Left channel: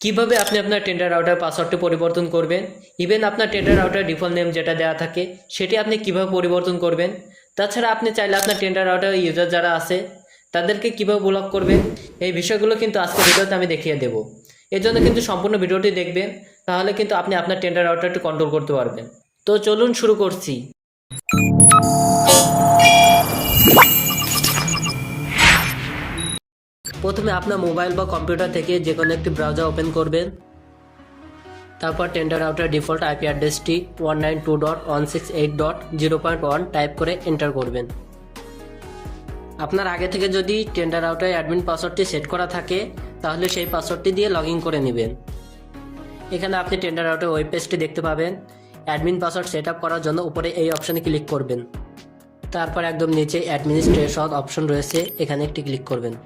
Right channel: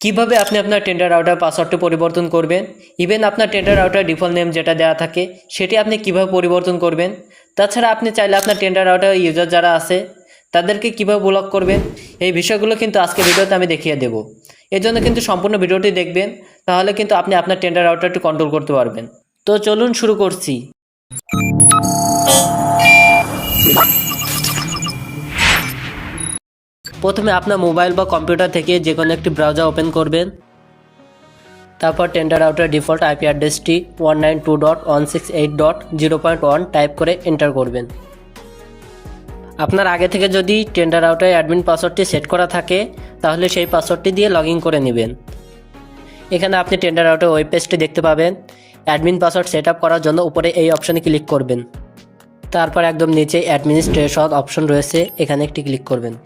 কিভাবে আপনি আপনার টেন্ডার রাউটার পাসওয়ার্ডটি পরিবর্তন করবেন, ইভেন আপনার টেন্ডার রাউটার ডিফল্ট নেম যেটা দেওয়া থাকে সেটি আপনি কিভাবে পরিবর্তন করবেন। তাছাড়া আপনি চাইলে আপনার টেন্ডার রাউটার ইউজার যারা আছে তাদেরকে কিভাবে ব্লক করবেন, এই বিষয়গুলো কিন্তু আজকের ভিডিওতে আমি দেখিয়ে দেব। এর জন্য কিন্তু সম্পূর্ণ ভিডিওটি দেখবেন, তাহলে কিন্তু আপনি আপনার টেন্ডার রাউটারটি কন্ট্রোল করতে পারবেন। তো চলুন শুরু করছি। প্রথমে আপনার মোবাইল বা কম্পিউটার থেকে যে কোনো একটি ব্রাউজার ওপেন করবেন। তারপর টেন্ডার রাউটার ডিফল্ট আইপি অ্যাড্রেসটি 192.168.0.1 টাইপ করে এন্টার করবেন। আপনার আগে থেকে যদি টেন্ডার রাউটার অ্যাডমিন পাসওয়ার্ডটি সেট করা থাকে তাহলে সেই পাসওয়ার্ডটি দিয়ে লগ ইন করে নেবেন। এখানে আপনি টেন্ডার রাউটার ওয়েব পেজটি দেখতে পাবেন। অ্যাডমিন পাসওয়ার্ড সেট আপ করার জন্য উপরে এই অপশানে ক্লিক করবেন। তারপর একদম নিচে অ্যাডমিনিস্ট্রেশন অপশন রয়েছে, এখানে একটি ক্লিক করবেন।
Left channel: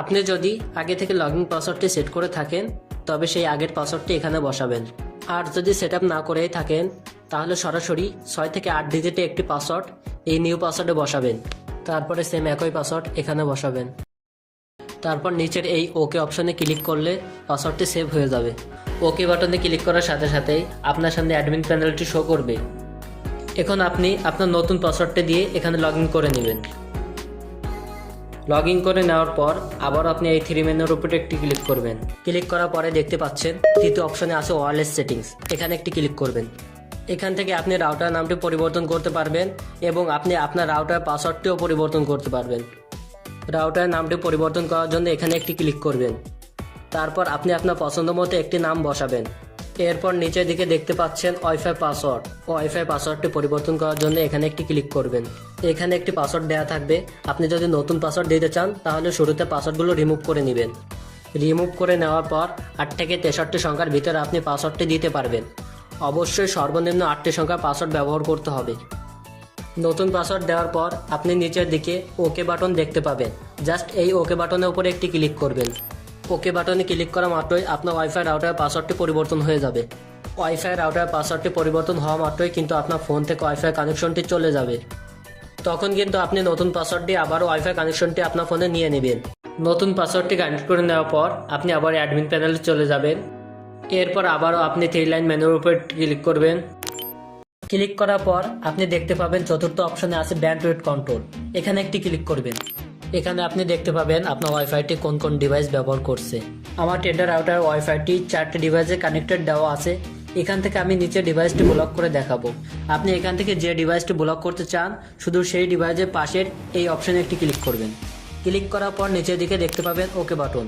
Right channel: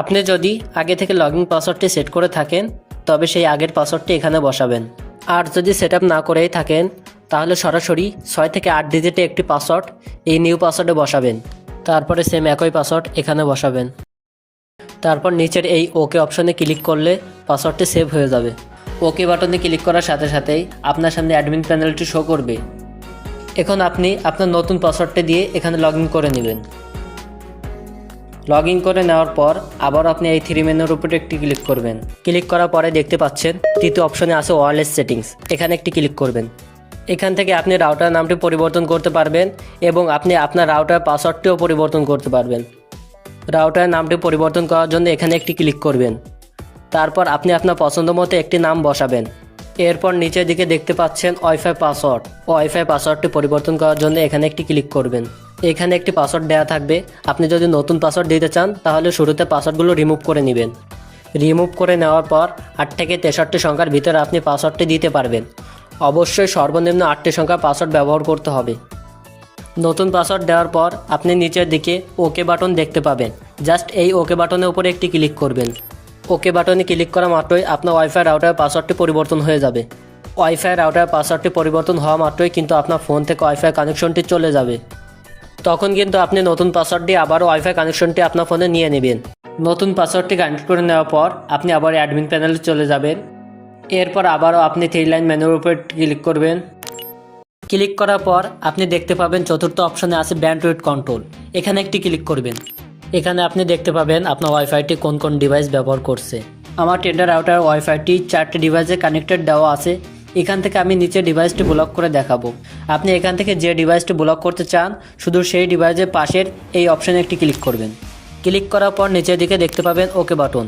আপনি যদি আগে থেকে লগ ইন পাসওয়ার্ডটি সেট করে থাকেন তবে সেই আগের পাসওয়ার্ডটি এখানে বসাবেন। আর যদি সেট আপ না করেই থাকেন তাহলে সরাসরি 6 থেকে 8 ডিজিটে একটি পাসওয়ার্ড এই নিউ পাসওয়ার্ডে বসাবেন। তারপরে সেম একই পাসওয়ার্ড এখানে বসাবেন। তারপর নিচের এই ওকে অপশনে ক্লিক করলে পাসওয়ার্ডটি সেভ হয়ে যাবে। ওকে বাটনে ক্লিক করার সাথে সাথেই আপনার সামনে অ্যাডমিন প্যানেলটি শো করবে। এখন আপনি আপনার নতুন পাসওয়ার্ডটি দিয়ে এখানে লগ ইন করে নেবেন। লগ ইন করে নেওয়ার পর আবার আপনি এই থ্রি মেনুর উপরে একটি ক্লিক করবেন। ক্লিক করার পরে দেখতে পাচ্ছেন তৃতীয় অপশনে আছে ওয়্যারলেস সেটিংস, এখানে একটি ক্লিক করবেন। এখান থেকে আপনি রাউটার নামটি পরিবর্তন করতে পারবেন এবং আপনি আপনার রাউটার পাসওয়ার্ডটিও পরিবর্তন করতে পারবেন। রাউটার নামটি পরিবর্তন করার জন্য এখানে একটি ক্লিক করবেন। তারপর আপনি আপনার পছন্দ মতো একটি নাম বসাবেন। এরপর নিচের দিকে দেখতে পাচ্ছেন ওয়াইফাই পাসওয়ার্ড। ওয়াইফাই পাসওয়ার্ডটি পরিবর্তন করার জন্য এখানে একটি ক্লিক করবেন। এখানে একটি পাসওয়ার্ড দেওয়া থাকবে। আপনি যদি নতুন পাসওয়ার্ড দিতে চান তাহলে শুরুতে পাসওয়ার্ডগুলো রিমুভ করে নেবেন। রিমুভ করে নেওয়ার পর 8 থেকে 63 সংখ্যার ভিতরে আপনি পাসওয়ার্ডটি দিতে পারবেন। অবশ্যই সর্বনিম্ন 8টি সংখ্যার পাসওয়ার্ড ব্যবহার করতে হবে। নতুন পাসওয়ার্ড দেওয়ার পর আপনি নিচের দিকে ওকে বাটন দেখতে পাবেন। জাস্ট এই ওকে বাটনের উপরে একটি ক্লিক করবেন। ওকে বাটনে ক্লিক করা মাত্রই আপনার ওয়াইফাই রাউটার পাসওয়ার্ডটি পরিবর্তন হয়ে যাবে। ওয়াইফাই রাউটার পাসওয়ার্ডটি পরিবর্তন হওয়া মাত্রই কিন্তু আপনার ফোন থেকে ওয়াইফাই কানেকশনটি চলে যাবে। তখন কিন্তু আপনি নতুন পাসওয়ার্ড দিয়ে আবারও ওয়াইফাই কানেকশনটি আপনার ফোনে নিয়ে নেবেন। নতুন পাসওয়ার্ডটি কানেক্ট করে নেওয়ার পর আপনি আবার অ্যাডমিন প্যানেলে চলে যাবেন। এরপর আবারও আপনি থ্রি লাইন মেনুর উপর ক্লিক করবেন। ক্লিক করার পর আপনি দেখতে পাবেন চতুর্থ অপশনে আছে ব্যান্ডউইথ কন্ট্রোল, এখানে একটি ক্লিক করবেন। এখানে আপনি দেখতে পাবেন আপনার ওয়াইফাইটি কোন কোন ডিভাইস ব্যবহার করছে। আমার টেন্ডার রাউটার ওয়াইফাইটি 4টি ডিভাইসে কানেক্টেড দেওয়া আছে। এখান থেকে আমি নিচে ডিভাইসটি ব্লক করে দেখাবো। আপনি এখান থেকে যে ডিভাইসটি ব্লক করতে চান শুধু সেই ডিভাইসের পাশের এই অপশানে একটি ক্লিক করবেন। ক্লিক করার পর নিচের দিকে দেখতে পাবেন ওকে বাটন।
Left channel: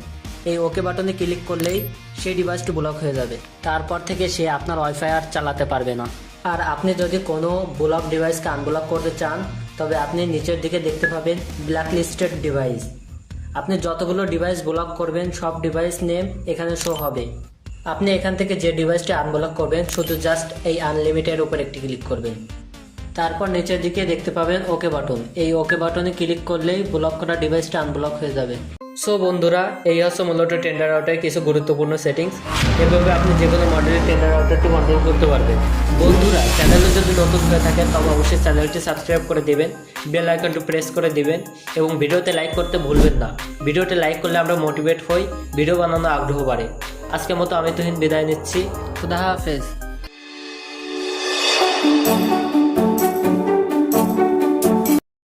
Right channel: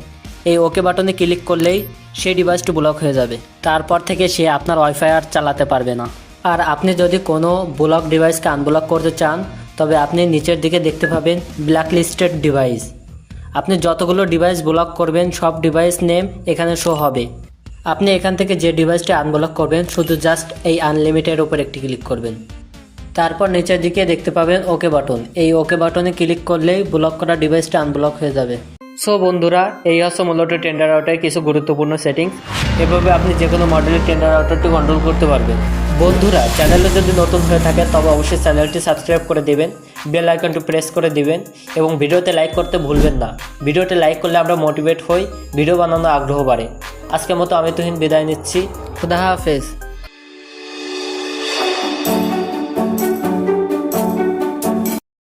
এই ওকে বাটনে ক্লিক করলেই সেই ডিভাইসটি ব্লক হয়ে যাবে। তারপর থেকে সে আপনার ওয়াইফাই আর চালাতে পারবে না। আর আপনি যদি কোনো ব্লক ডিভাইসকে আনব্লক করতে চান তবে আপনি নিচের দিকে দেখতে পাবেন ব্ল্যাক লিস্টেড ডিভাইস। আপনি যতগুলো ডিভাইস ব্লক করবেন সব ডিভাইস নেম এখানে শো হবে। আপনি এখান থেকে যে ডিভাইসটি আনব্লক করবেন শুধু জাস্ট এই আনলিমিটেড উপর একটি ক্লিক করবেন। তারপর নিচের দিকে দেখতে পাবেন ওকে বাটন। এই ওকে বাটনে ক্লিক করলেই ব্লক করা ডিভাইসটা আনব্লক হয়ে যাবে। সো বন্ধুরা, এই হচ্ছে মূলত টেন্ডার রাউটারের কিছু গুরুত্বপূর্ণ সেটিংস। এভাবে আপনি যে কোনো মডেলের টেন্ডার রাউটারটি কন্ট্রোল করতে পারবেন। বন্ধুরা, চ্যানেলে যদি নতুন হয়ে থাকে তবে অবশ্যই চ্যানেলটি সাবস্ক্রাইব করে দেবেন, বেল আইকনটি প্রেস করে দেবেন এবং ভিডিওতে লাইক করতে ভুলবেন না। ভিডিওতে লাইক করলে আমরা মোটিভেট হই, ভিডিও বানানোর আগ্রহ বাড়ে। আজকের মতো আমি তুহিন বিদায় নিচ্ছি। খুদা হাফেজ।